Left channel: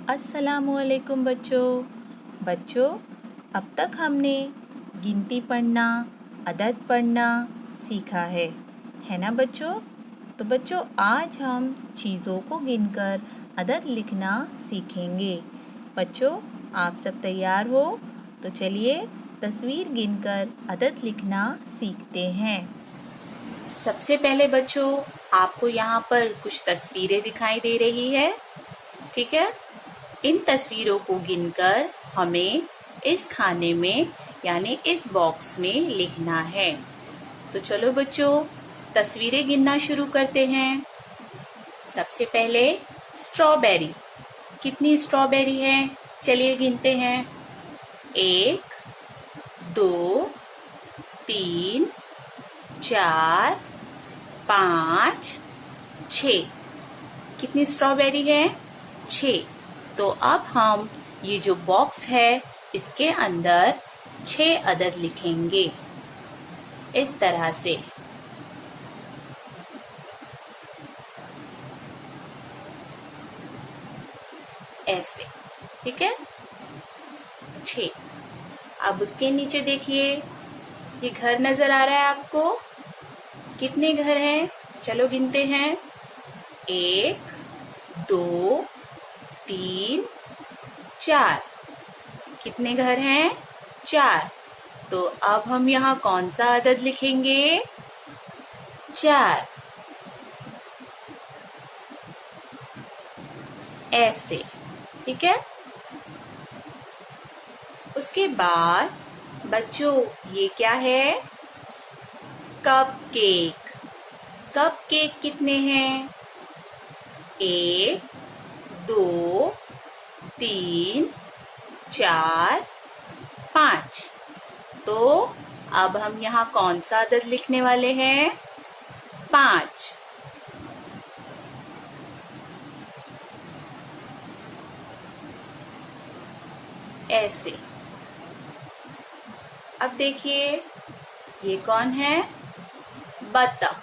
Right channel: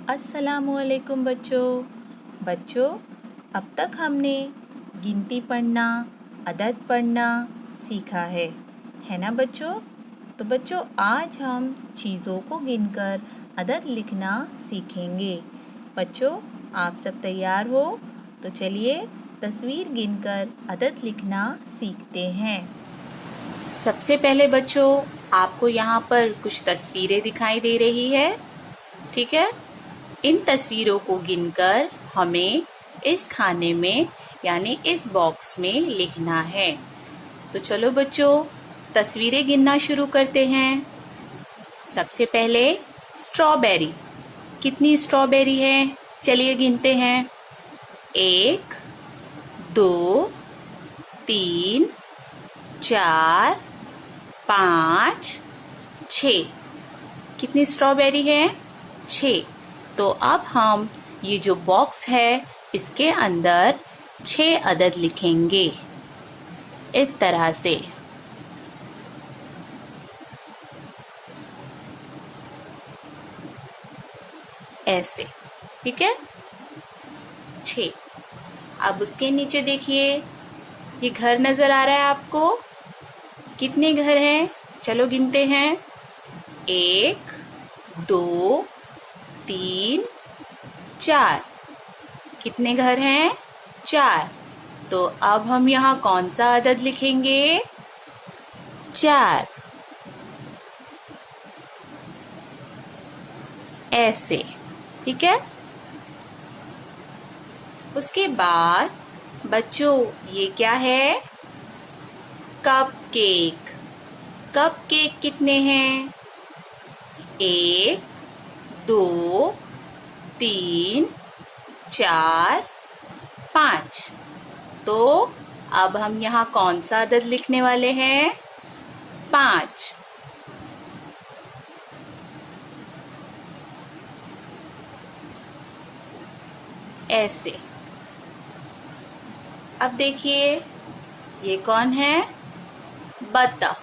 अस्सलामुअलैकुम बच्चों, अब तक हमने गिनती पढ़ना, अदद पढ़ना सीखा है ना बच्चों? तो बच्चों आज हम चीज़ों को गिनकर अदद लिखना सीखेंगे। बच्चों आप सब तैयार हो? तो चलिए तस्वीर गिनकर अदद लिखना सीखते हैं। सबसे पहले बच्चों आपको यहाँ पर कुछ तस्वीरें दिखाई दे रही है, ठीक है? इन तस्वीरों को गिनकर हमें इस खाने में यानी इस बॉक्स में लिखना है। तो चलो बच्चों तस्वीरें गिनना शुरू करते हैं। सबसे पहले स्ट्रॉबेरी। कितनी स्ट्रॉबेरी है? चलिए गिनते हैं। 1 2 3 4 5 6। कितनी स्ट्रॉबेरी है? 6। तो अब हम ये जो बॉक्स है इसके अंदर 6 अदद लिखेंगे इस तरह से। ऐसे, ठीक है? 6। अब उसके नीचे देखिए, ये घर नजर आ रहा है आपको? कितने घर हैं? चलो गिनते हैं। 1 2 3 4। कितने घर हैं? 4। तो अब हम यहाँ कौन सा अदद लिखेंगे? 4। ऐसे, ठीक है? उसके बाद बच्चों ये क्या है? Cup cake. कप केक कितने हैं? 1 2 3 4 5। तो अब हम यहाँ कौन सा अदद लिखने वाले हैं? 5। ऐसे। अब देखिए ये कौन है? बतख।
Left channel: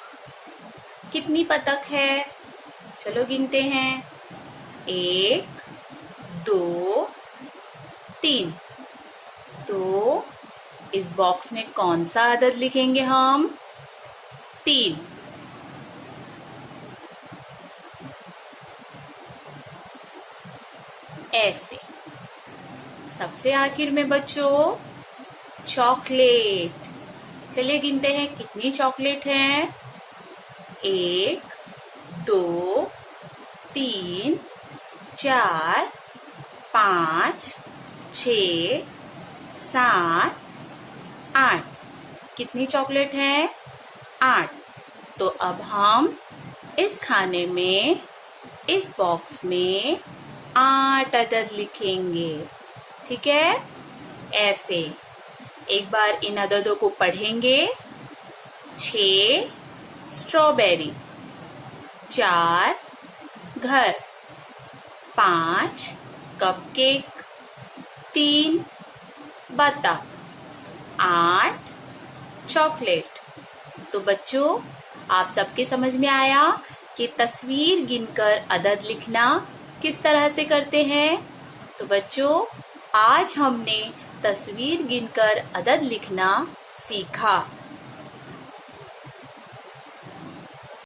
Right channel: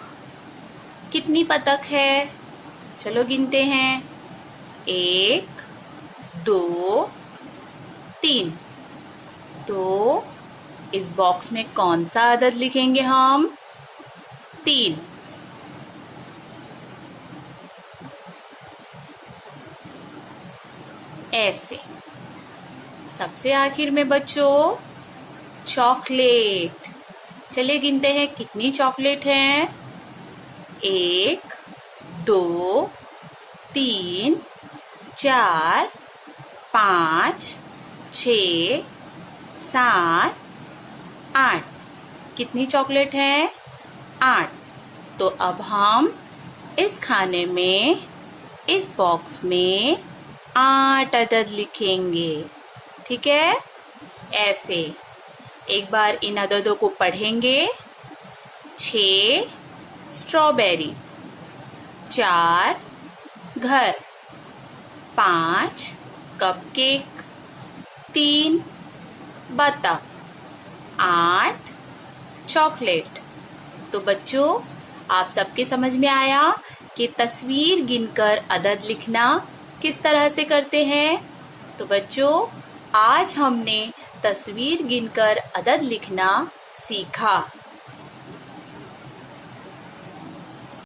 कितनी बतख है? चलो गिनते हैं। 1 2 3। तो इस बॉक्स में कौन सा अदद लिखेंगे हम? 3। ऐसे। सबसे आखिर में बच्चों चॉकलेट। चलिए गिनते हैं कितनी चॉकलेट हैं। 1 2 3 4 5 6 7 8। कितनी चॉकलेट है? 8। तो अब हम इस खाने में इस बॉक्स में 8 अदद लिखेंगे, ठीक है? ऐसे। एक बार इन अददों को पढ़ेंगे। 6 स्ट्रॉबेरी, 4 घर, 5 कपकेक, 3 बतख, 8 चॉकलेट। तो बच्चों आप सबके समझ में आया कि तस्वीर गिनकर अदद लिखना किस तरह से करते हैं? तो बच्चों आज हमने तस्वीर गिनकर अदद लिखना सीखा।